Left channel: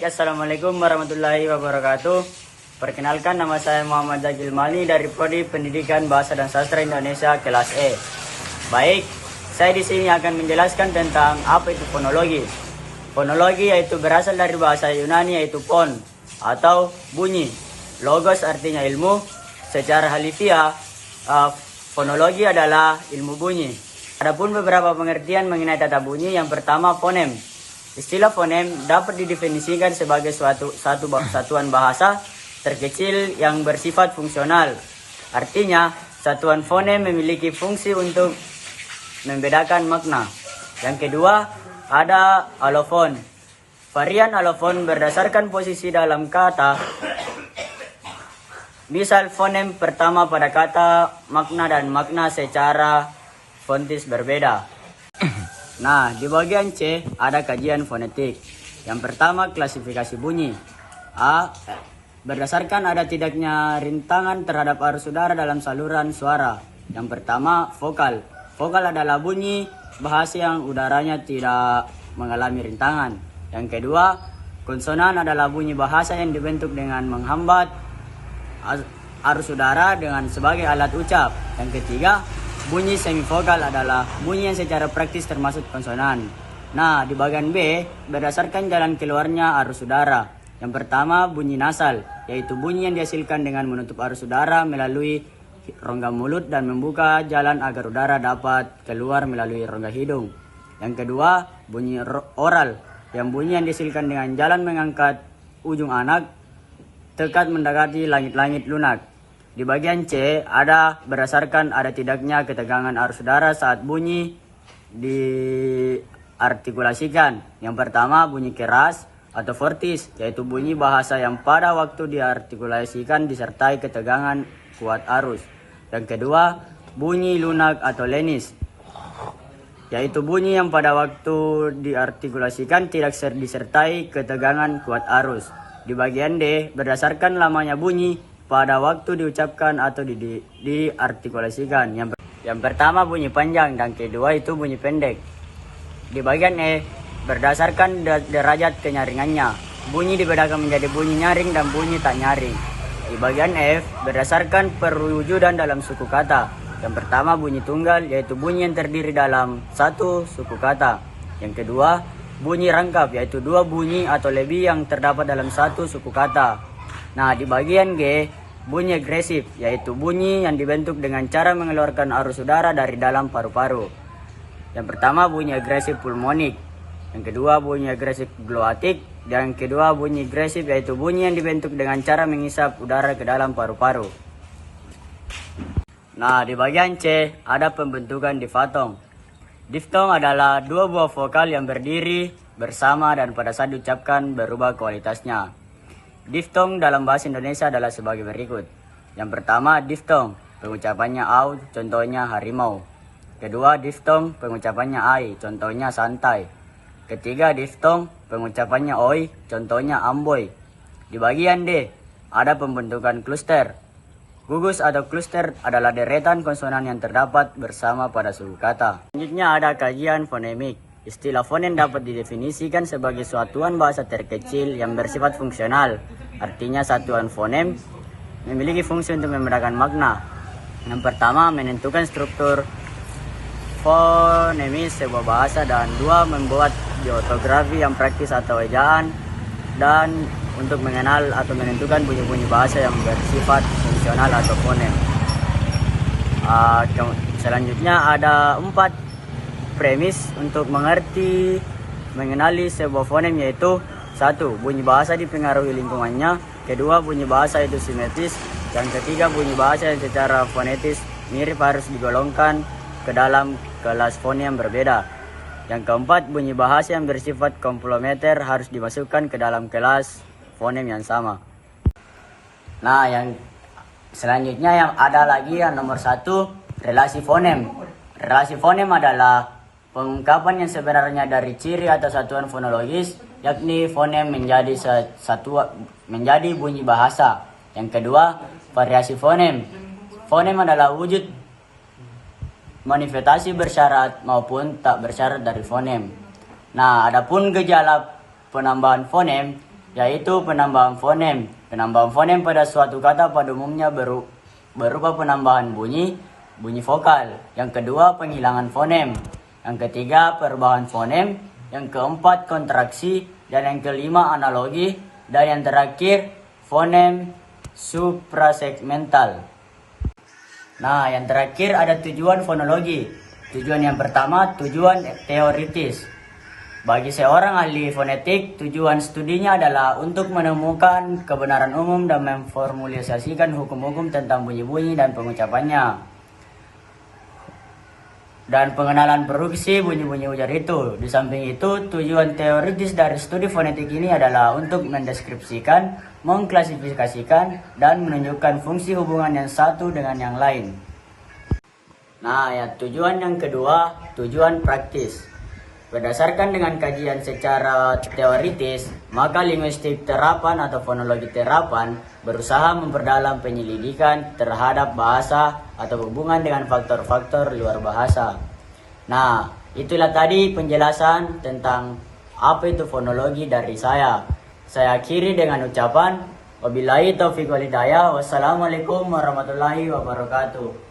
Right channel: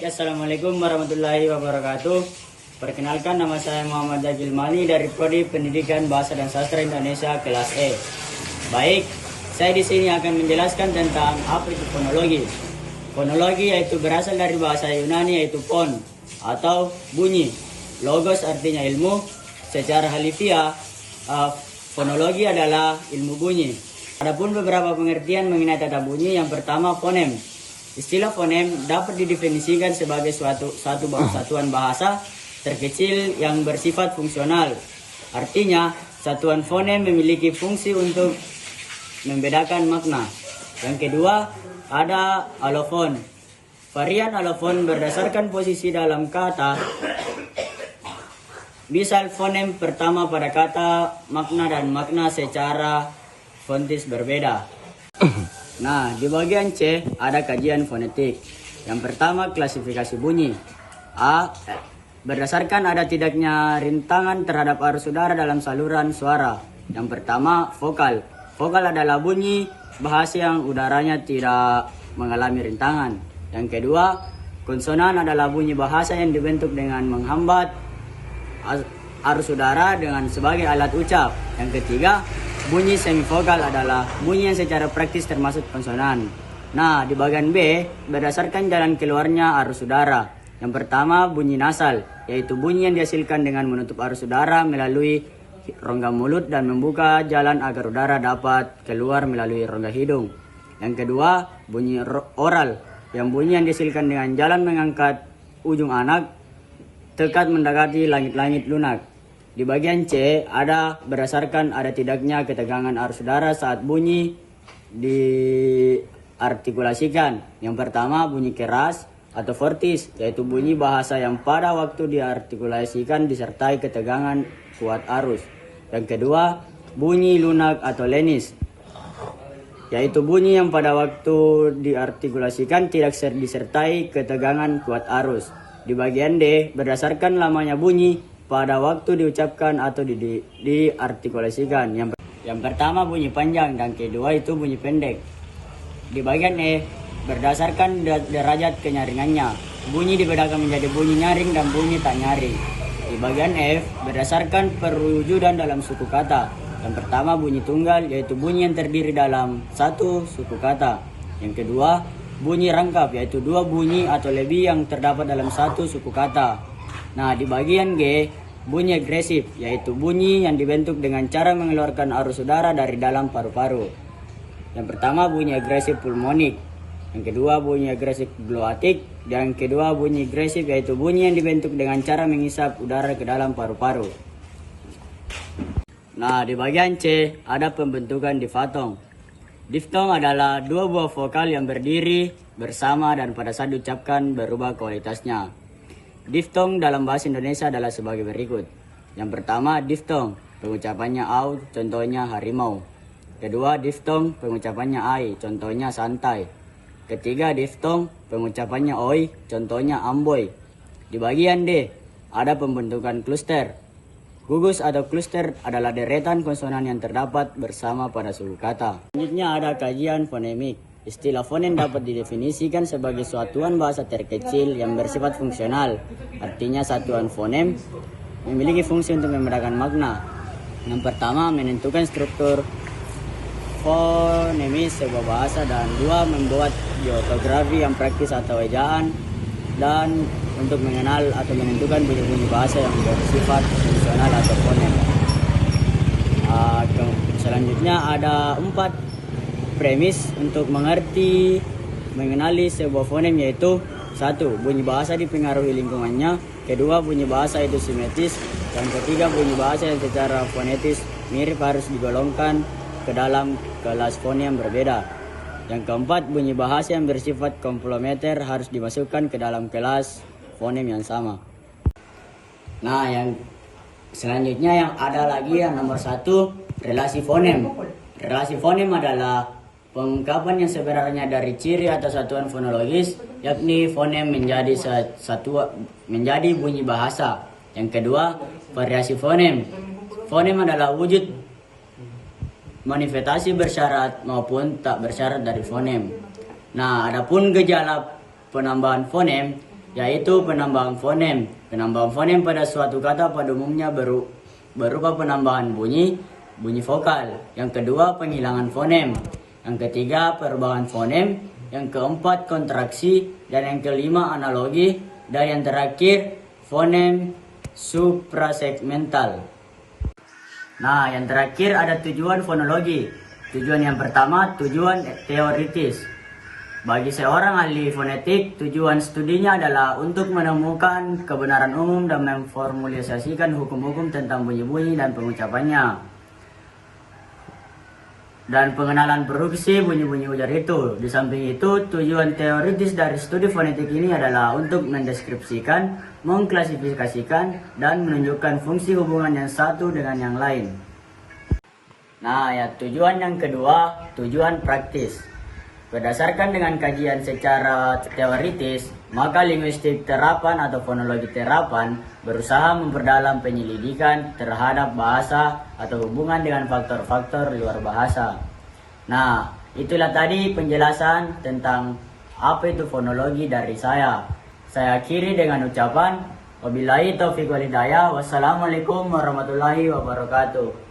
Baik, Assalamualaikum warahmatullahi wabarakatuh. Perkenalkan, nama saya Muhammad Zagil Mani dari Prodi Pendidikan Bahasa dan Sastra Indonesia kelas E. Baik, saya di sini akan menjelaskan tentang apa itu fonologi. Fonologi yaitu berasal dari bahasa Yunani yaitu fon atau bunyi. Logos artinya ilmu. Secara halifiah, fonologi adalah ilmu bunyi. Adapun beberapa pengertian mengenai tata bunyi. Yang pertama, fonem. Istilah fonem dapat didefinisikan sebagai satu satuan bahasa terkecil yang bersifat fungsional. Artinya, satuan fonem memiliki fungsi untuk membedakan makna. Yang kedua, ada alofon. Varian alofon berdasarkan posisi dalam kata. Misal fonem pertama pada kata, makna dan makna secara fontis berbeda. Nah, di bagian C ada kajian fonetik. Yang pertama, klasifikasi bunyi. A. Berdasarkan ada tidaknya rintangan terhadap arus udara dalam saluran suara. Yang pertama, vokal. Vokal adalah bunyi bahasa yang udaranya tidak mengalami rintangan. Yang kedua, konsonan adalah bunyi bahasa yang dibentuk dengan menghambat arus udara dengan sebagai alat ucap. Yang ketiga, bunyi semivokal adalah bunyi yang secara praktis termasuk konsonan. Nah, di bagian B, berdasarkan jalan keluarnya arus udara. Yang pertama, bunyi nasal, yaitu bunyi yang dihasilkan dengan menutup arus udara melalui rongga mulut dan membuka jalan agar udara dapat keluar melalui rongga hidung. Yang kedua, bunyi oral, yang bunyi yang dihasilkan dengan jalan mengangkat ujung anak tekat mendekati langit-langit lunak. Di bagian C ada berdasarkan ada tidaknya ketegangan arus udara saat bunyi diartikulasikan. Yang pertama, bunyi keras atau fortis, yaitu bunyi bahasa yang pada waktu diartikulasikan disertai ketegangan kuat arus. Yang kedua, bunyi lunak atau lenis, yaitu bunyi yang pada waktu diartikulasikan tidak disertai ketegangan kuat arus. Di bagian D, berdasarkan lamanya bunyi pada waktu diucapkan atau diartikulasikan. Yang pertama bunyi panjang dan kedua itu bunyi pendek. Di bagian E, berdasarkan derajat kenyaringannya. Bunyi dibedakan menjadi bunyi nyaring dan bunyi tak nyaring. Di bagian F, berdasarkan perwujudan dalam suku kata. Yang pertama bunyi tunggal, yaitu bunyi yang terdiri dalam satu suku kata. Yang kedua, bunyi rangkap, yaitu dua bunyi atau lebih yang terdapat dalam satu suku kata. Nah, di bagian G, bunyi agresif, yaitu bunyi yang dibentuk dengan cara mengeluarkan arus udara dari dalam paru-paru. Yang pertama bunyi agresif pulmonik, yang kedua bunyi agresif gloatik, dan yang kedua bunyi agresif yaitu bunyi yang dibentuk dengan cara mengisap udara ke dalam paru-paru. Nah, di bagian C ada pembentukan difatong. Diftong adalah dua buah vokal yang berdiri bersama dan pada saat diucapkan berubah kualitasnya. Diftong dalam bahasa Indonesia adalah sebagai berikut. Yang pertama, diftong, pengucapannya au, contohnya harimau. Kedua, diftong, pengucapannya ai, contohnya santai. Ketiga, diftong, pengucapannya oi, contohnya amboy. Di bagian D, ada pembentukan kluster. Gugus atau kluster adalah deretan konsonan yang terdapat bersama pada suku kata. Selanjutnya ada kajian fonemik. Istilah fonem dapat didefinisikan sebagai satuan bahasa terkecil yang bersifat fungsional. Artinya satuan fonem memiliki fungsi untuk membedakan makna. Yang pertama, menentukan struktur fonemis sebuah bahasa, dan dua, membuat geotografi yang praktis atau ejaan, dan untuk mengenal atau menentukan bunyi-bunyi bahasa yang bersifat fungsional atau fonem. Selanjutnya ada 4 premis untuk mengenali sebuah fonem, yaitu 1. Bunyi bahasa dipengaruhi lingkungannya. Kedua, bunyi bahasa itu simetris. Yang ketiga, bunyi bahasa yang secara fonetis mirip harus digolongkan ke dalam kelas fonem yang berbeda. Yang keempat, bunyi bahasa yang bersifat komplementer harus dimasukkan ke dalam kelas fonem yang sama. Nah, yang selanjutnya yang ada lagi yang nomor 1, relasi fonem. Relasi fonem adalah pengungkapan yang sebenarnya dari ciri atau satuan fonologis, yakni fonem menjadi bunyi bahasa. Yang kedua, variasi fonem. Fonem adalah wujud manifestasi bersyarat maupun tak bersyarat dari fonem. Nah, adapun gejala penambahan fonem yaitu penambahan fonem. Penambahan fonem pada suatu kata pada umumnya berupa penambahan bunyi vokal. Yang kedua, penghilangan fonem. Yang ketiga, perubahan fonem. Yang keempat, kontraksi. Dan yang kelima, analogi. Dan yang terakhir, fonem suprasegmental. Nah, yang terakhir ada tujuan fonologi. Tujuan yang pertama, tujuan teoritis. Bagi seorang ahli fonetik, tujuan studinya adalah untuk menemukan kebenaran umum dan memformulasikan hukum-hukum tentang bunyi-bunyi dan pengucapannya. Dan pengenalan produksi bunyi-bunyi ujar itu. Di samping itu, tujuan teoritis dari studi fonetik ini adalah untuk mendeskripsikan, mengklasifikasikan, dan menunjukkan fungsi hubungan yang satu dengan yang lain. Nah, ya, tujuan yang kedua, tujuan praktis. Berdasarkan dengan kajian secara teoritis, maka linguistik terapan atau fonologi terapan berusaha memperdalam penyelidikan terhadap bahasa atau hubungan dengan faktor-faktor luar bahasa. Nah, itulah tadi penjelasan tentang apa itu fonologi dari saya. Saya akhiri dengan ucapan wabillahi taufiq wal hidayah. Wassalamualaikum warahmatullahi wabarakatuh.